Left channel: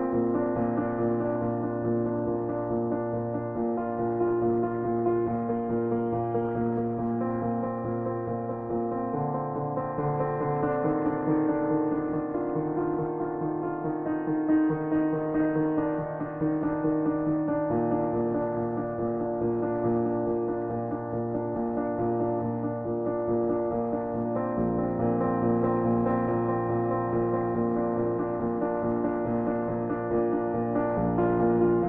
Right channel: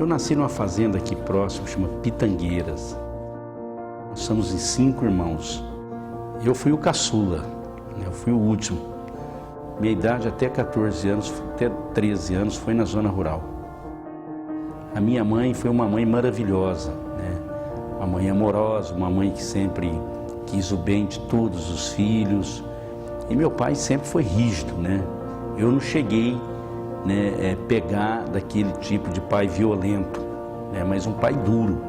Eu nasci numa fazenda aqui próximo, chama Pitangueiras. Nós somos em 5 irmãos. Eu fui o caçula, eu fui o último. Minha idade até 14 anos, até 13 anos, foi na zona rural. A minha mãe foi uma mãe maravilhosa, né? Uma mãe amorosa, uma mãe que sempre quis o bem de todos os filhos. E meu pai sempre foi rígido, né? Eu não cheguei, né, pegar daquele tipo de pai violento, né? Mas um pai duro,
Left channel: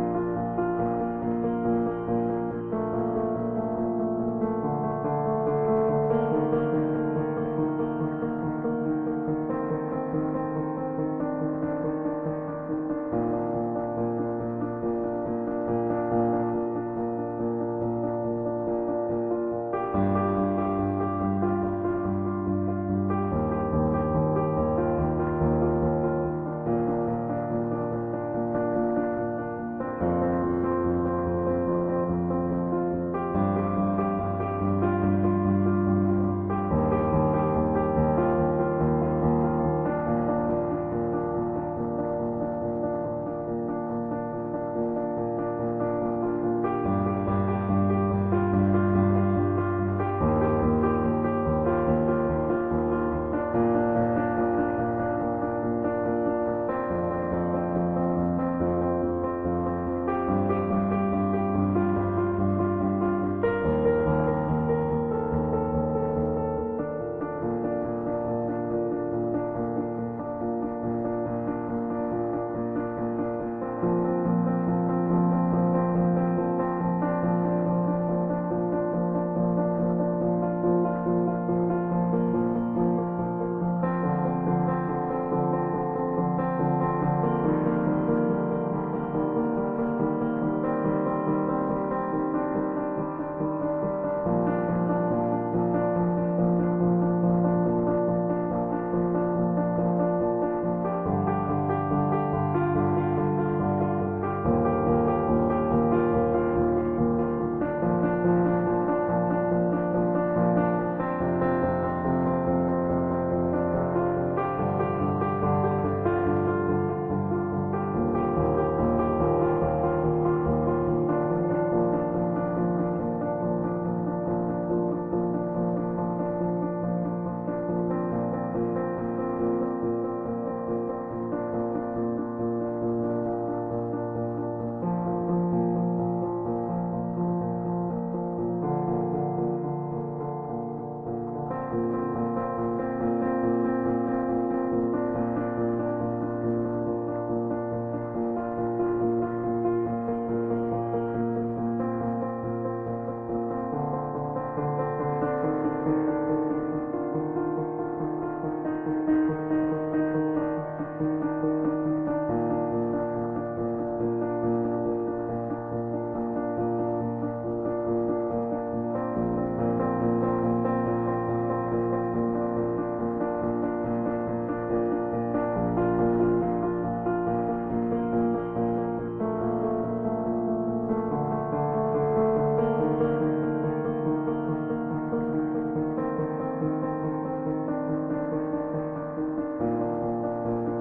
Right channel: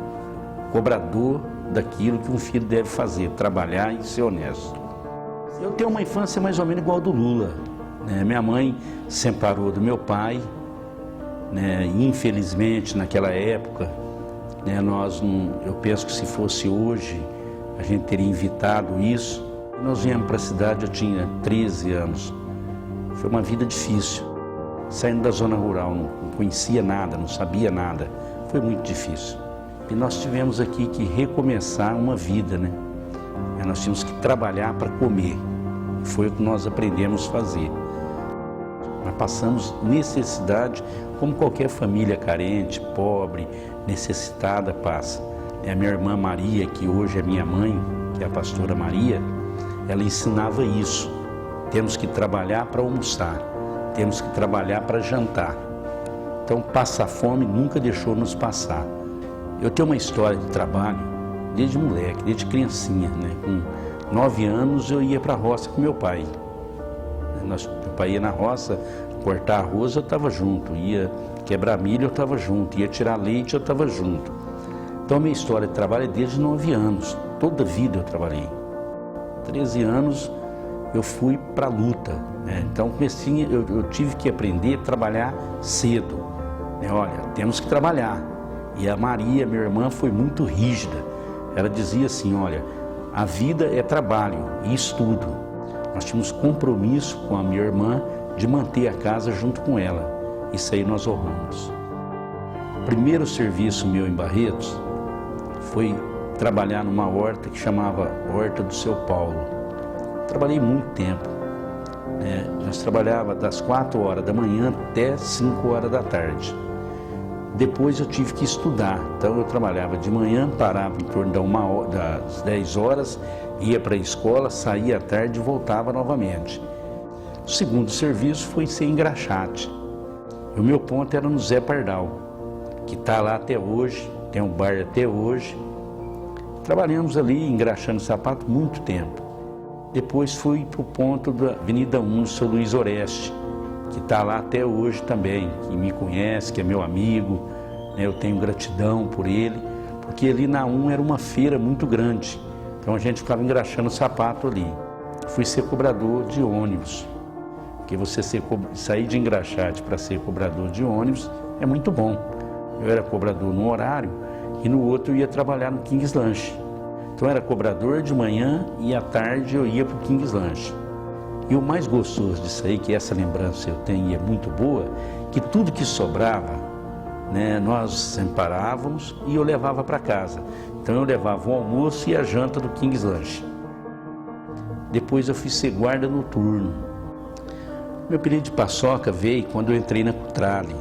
cobrador daquilo que um filho deve fazer, trabalhar e ser honesto. Eu tenho uma infância mais ou menos igual do Lula, né? Minha mãe se separou do meu pai, né? Infelizmente naquela época, né, eu penso que se fosse hoje a gente teria evitado isso. Nós viemos para a cidade, eu tinha 13 anos, foi uma vida difícil, saindo da zona rural, não conhecia nada, não sabia nada, foi muito difícil. E nós tivemos aqui que recomeçar uma vida, né? Nós tínhamos que trabalhar para comer, foi o que nós aprendemos a fazer. Nós passamos necessidade, como qualquer família carente, pobre, necessitada passa. A minha irmã Maria, que hoje é minha mãe, que é a pastora Maria, ela ensinava isso. Temos que trabalhar para almoçar, temos que trabalhar para jantar. Então, passar fome nunca deixou nos passar. Eu tenho uma história de trabalho desde moleque, desde criancinha, né? Com 9 anos eu ia para a roça com meu pai. Meu pai ia na roça cortar arroz, eu estava junto. Ia quebrar milho, eu estava junto. Ia tirar leite, eu estava junto. Então, minha história de trabalho é desde 9 anos. Toda a vida eu trabalhei. 13 anos eu fui para a luta, né? Então, eu tive que aprender a trabalhar cedo. Olha, temos que trabalhar. E a Maria, minha irmã, foi muito rígida. Ela dizia assim, olha, a vida é trabalho e estudo. Nós tínhamos compromisso com a minha irmã de manter a casa junto com ela. Isso aí nós honramos. O primeiro serviço meu em Barretos foi trabalhar numa horta que chamava Horta do Seu Paulo. Trabalhei muito tempo, né? Nós trabalhávamos das 4 horas da manhã até 5 horas da tarde. Depois eu tive que estudar, então eu trabalhava de manhã, parava em torno das 10 horas, ia para a escola, saía à tarde e voltava novamente. O segundo serviço foi ser engraxate. O meu ponto era no Zé Pardal, que está lá até hoje, tem um bar até hoje. Trabalhamos ali engraxando sapato muito tempo. Depois fui para o ponto da Avenida 1, São Luís Oreste, que está lá até hoje também, que me conhece, que é meu amigo, né? Eu tenho gratidão por ele, porque ali na 1 era uma feira muito grande, então a gente ficava engraxando sapato ali. Fui ser cobrador de ônibus, porque você sair de engraxate para ser cobrador de ônibus é muito bom. Eu era cobrador no horário e no outro eu ia trabalhar no King's Lanche. Então eu era cobrador de manhã e à tarde eu ia para o King's Lanche. E o mais gostoso disso aí, que essa lembrança eu tenho e é muito boa, que tudo que sobrava, né, nós separávamos e eu levava para casa. Então eu levava o almoço e a janta do King's Lanche. Depois eu fui ser guarda noturno. Meu apelido de paçoca veio quando eu entrei na Cutrale.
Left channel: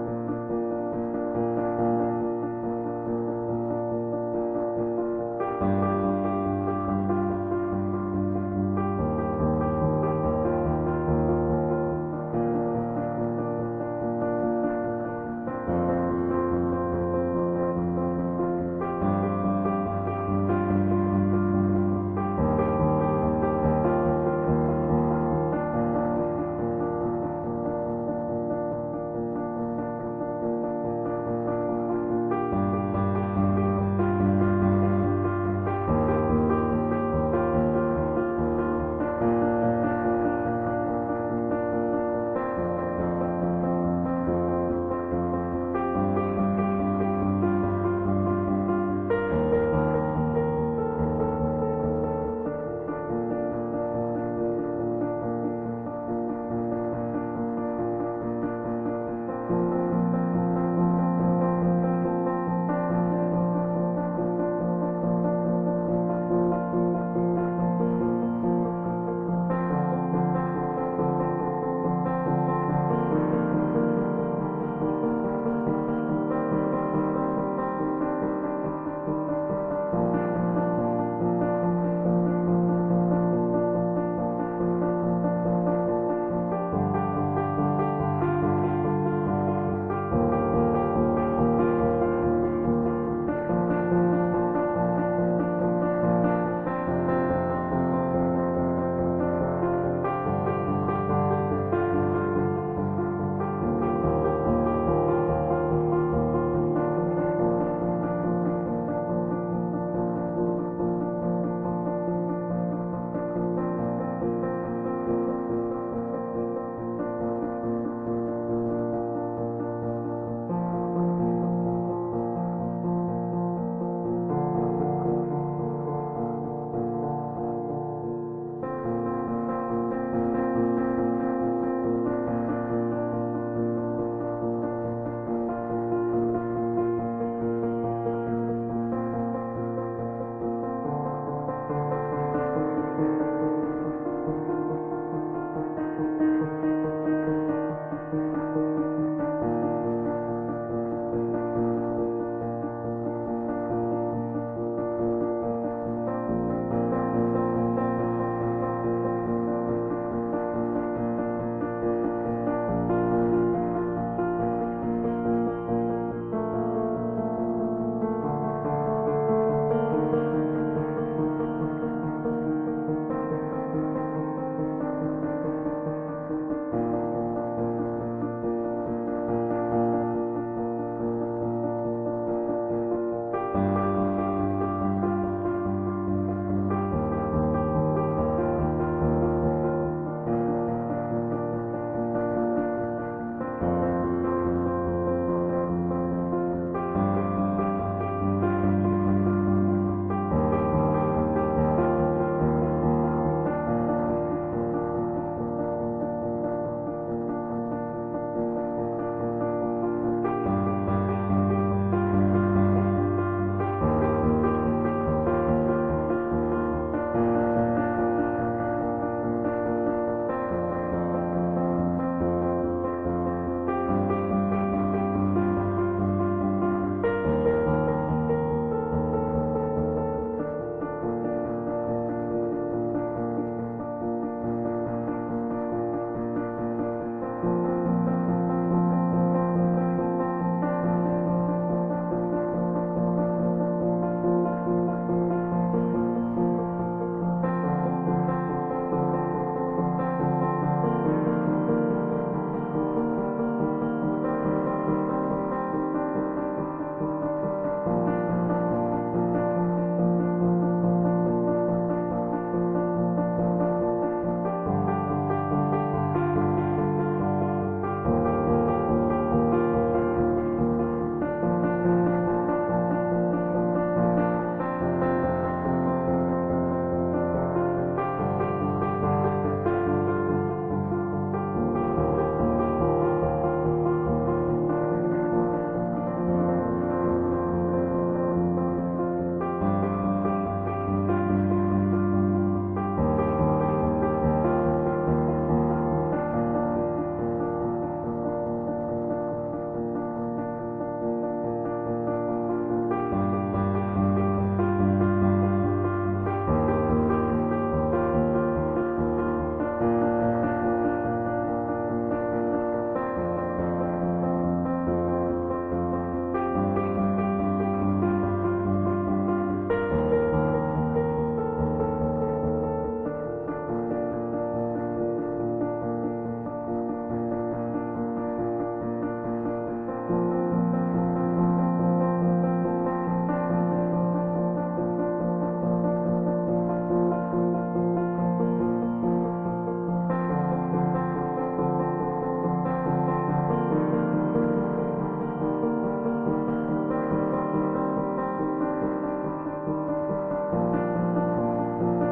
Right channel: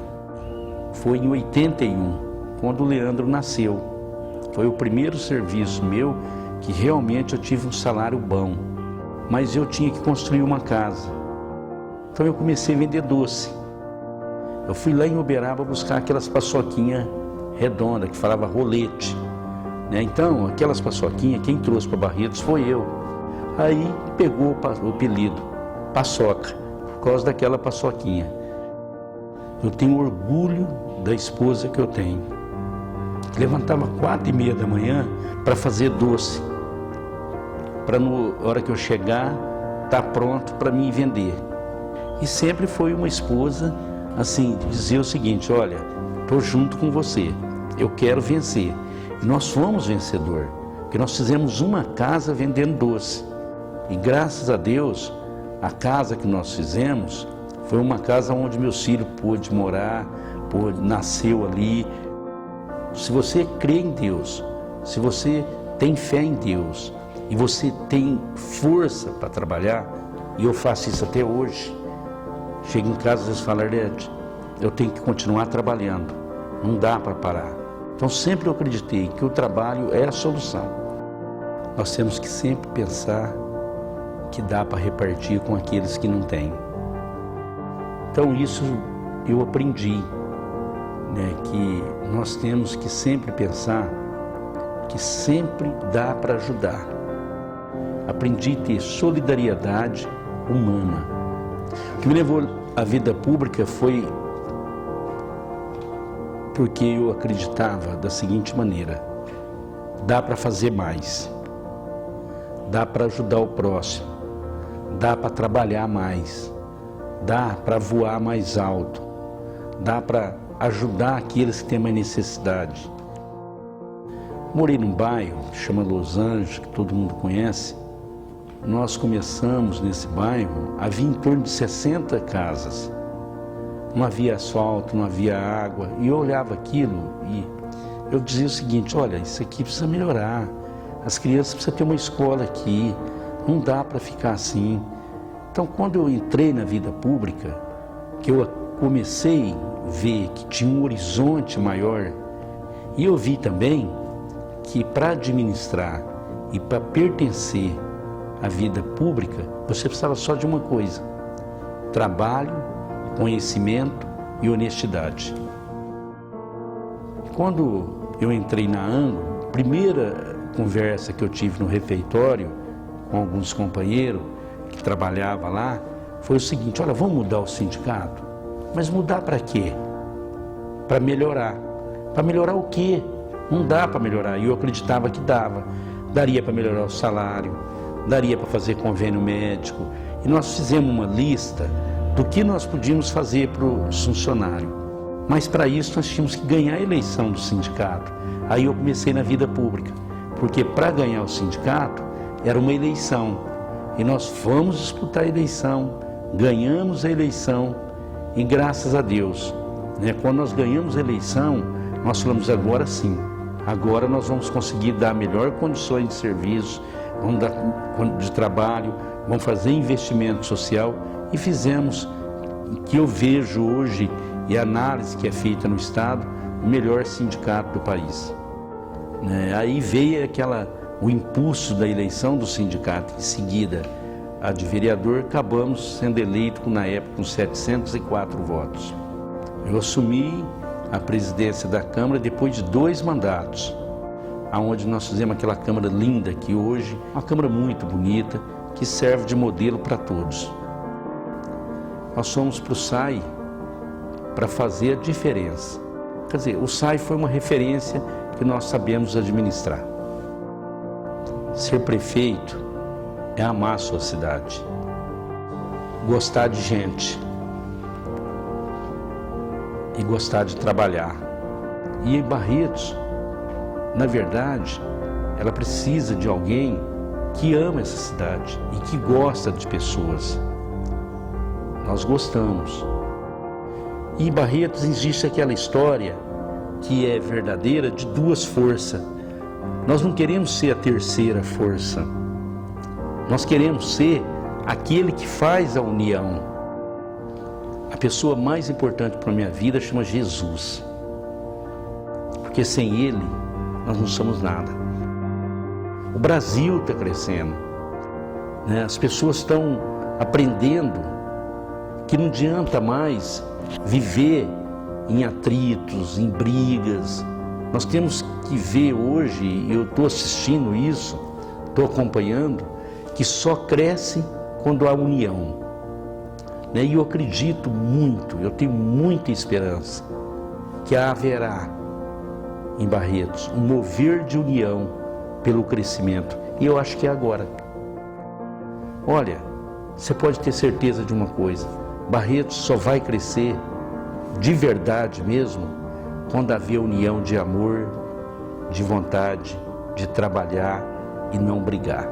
Foi em 81, quando o Leandro nasceu. Foi o primeiro serviço meu que realmente eu tive um salário bom. Mas eu tinha que construir uma casa. Então eu comecei a vender doce. Eu fui lá em Uberaba buscar aquelas paçoquinhas redondas, que falava rolete, né? Então, aquelas paçoquinhas, quem trouxe para Barretos foi eu. Aí pegou o apelido, paçoca, por causa daquela paçoquinha. Eu tenho orgulho da esposa que eu tenho. Levantava 4h30 da manhã para fazer doce, para na hora que eu chegar, estar pronto para mim vender. E sempre foi uma esposa, assim, de dizer o seguinte, olha, estou junto com você, eu quero vencer. E nós fomos vencedor, porque nós fizemos uma casa vendendo doce. E graças a Deus, a casa que nós fizemos foi uma casa onde meus filhos pôde morar, nasceu ali. Se você crê em Deus, se você tem fé em Deus e você tem força para trabalhar, e eu faço isso até hoje, Chego em casa e eles falam: Arlete, eu tenho que continuar trabalhando, não dá para parar. Então sempre eu acreditei que o trabalho é a solução. Nós temos que sempre pensar que dá para repartir com aqueles que não têm. Então isso eu aprendi, né, que nós temos que sempre pensar que sempre dá para ajudar. Aprendi a ter solidariedade humana. O que me levou à vida pública foi porque eu acreditava da seguinte maneira: dá para fazer mais, dá para ajudar o próximo, dá para trabalhar mais, dá para voar mais alto, dá para ajudar aqueles que têm mais necessidade. Morei num bairro que chama Los Angeles, que todo mundo conhece. Nós começamos nesse bairro, havia em torno de 60 casas. Não havia asfalto, não havia água. E eu olhava aquilo e eu dizia o seguinte: olha, isso aqui precisa melhorar. As crianças precisam ter uma escola aqui. Não dá para ficar assim. Então, quando eu entrei na vida pública, que eu comecei a ver que tinha um horizonte maior, e eu vi também que para administrar e para pertencer à vida pública, você precisava só de uma coisa: trabalho, conhecimento e honestidade. Quando eu entrei na Anglo, a primeira conversa que eu tive no refeitório com alguns companheiros que trabalhavam lá, foi o seguinte: olha, vamos mudar o sindicato? Mas mudar para quê? Para melhorar. Para melhorar o quê? Não dá para melhorar. E eu acreditava que dava. Daria para melhorar o salário, daria para fazer convênio médico. E nós fizemos uma lista do que nós podíamos fazer para os funcionários. Mas para isso nós tínhamos que ganhar a eleição do sindicato. Aí eu comecei na vida pública, porque para ganhar o sindicato era uma eleição. E nós fomos disputar a eleição, ganhamos a eleição e graças a Deus, né, quando nós ganhamos a eleição, nós falamos: agora sim, agora nós vamos conseguir dar melhor condições de serviço, vamos dar de trabalho, vamos fazer investimento social. E fizemos o que eu vejo hoje, e a análise que é feita no Estado, o melhor sindicato do país. Aí veio o impulso da eleição do sindicato. Em seguida, a de vereador, acabamos sendo eleito na época com 704 votos. Eu assumi a presidência da Câmara depois de 2 mandatos, onde nós fizemos aquela Câmara linda que hoje é uma Câmara muito bonita, que serve de modelo para todos. Nós fomos para o SAI para fazer a diferença. Quer dizer, o SAI foi uma referência que nós sabemos administrar. Ser prefeito é amar a sua cidade, gostar de gente e gostar de trabalhar. E em Barretos, na verdade, ela precisa de alguém que ama essa cidade e que gosta de pessoas. Nós gostamos. E em Barretos existe aquela história que é verdadeira de 2 forças. Nós não queremos ser a terceira força. Nós queremos ser aquele que faz a união. A pessoa mais importante para a minha vida chama Jesus. Porque sem Ele, nós não somos nada. O Brasil está crescendo, né? As pessoas estão aprendendo que não adianta mais viver em atritos, em brigas. Nós temos que ver hoje, eu estou assistindo isso, estou acompanhando, que só cresce quando há união. E eu acredito muito, eu tenho muita esperança que haverá em Barretos um mover de união pelo crescimento. E eu acho que é agora. Olha, você pode ter certeza de uma coisa: Barretos só vai crescer de verdade mesmo quando haver união de amor, de vontade, de trabalhar e não brigar.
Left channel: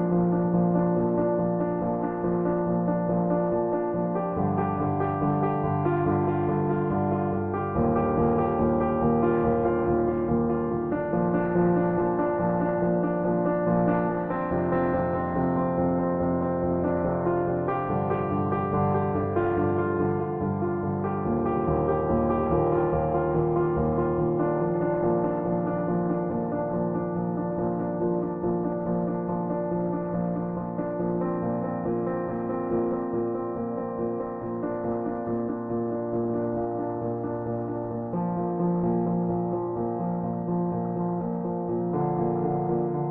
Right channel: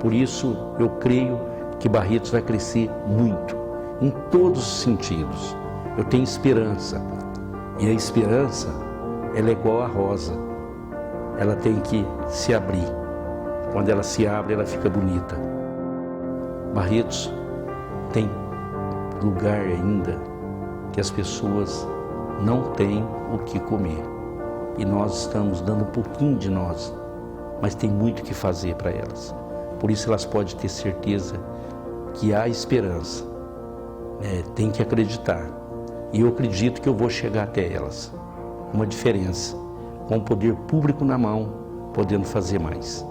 Por isso eu creio que Barretos vai crescer muito, em todos os sentidos. Eu tenho esperança, e a esperança, ela é igual a rosa, ela tem que se abrir. Quando ela se abre, ela fica bonita. Barretos tem lugar ainda que as pessoas não têm o que comer. E nós estamos dando um pouquinho de nós, mas tem muito o que fazer para elas. Por isso elas podem ter certeza que há esperança. Tem que acreditar. E eu acredito que eu vou chegar até elas. Uma diferença, com o poder público na mão, podendo fazer mais.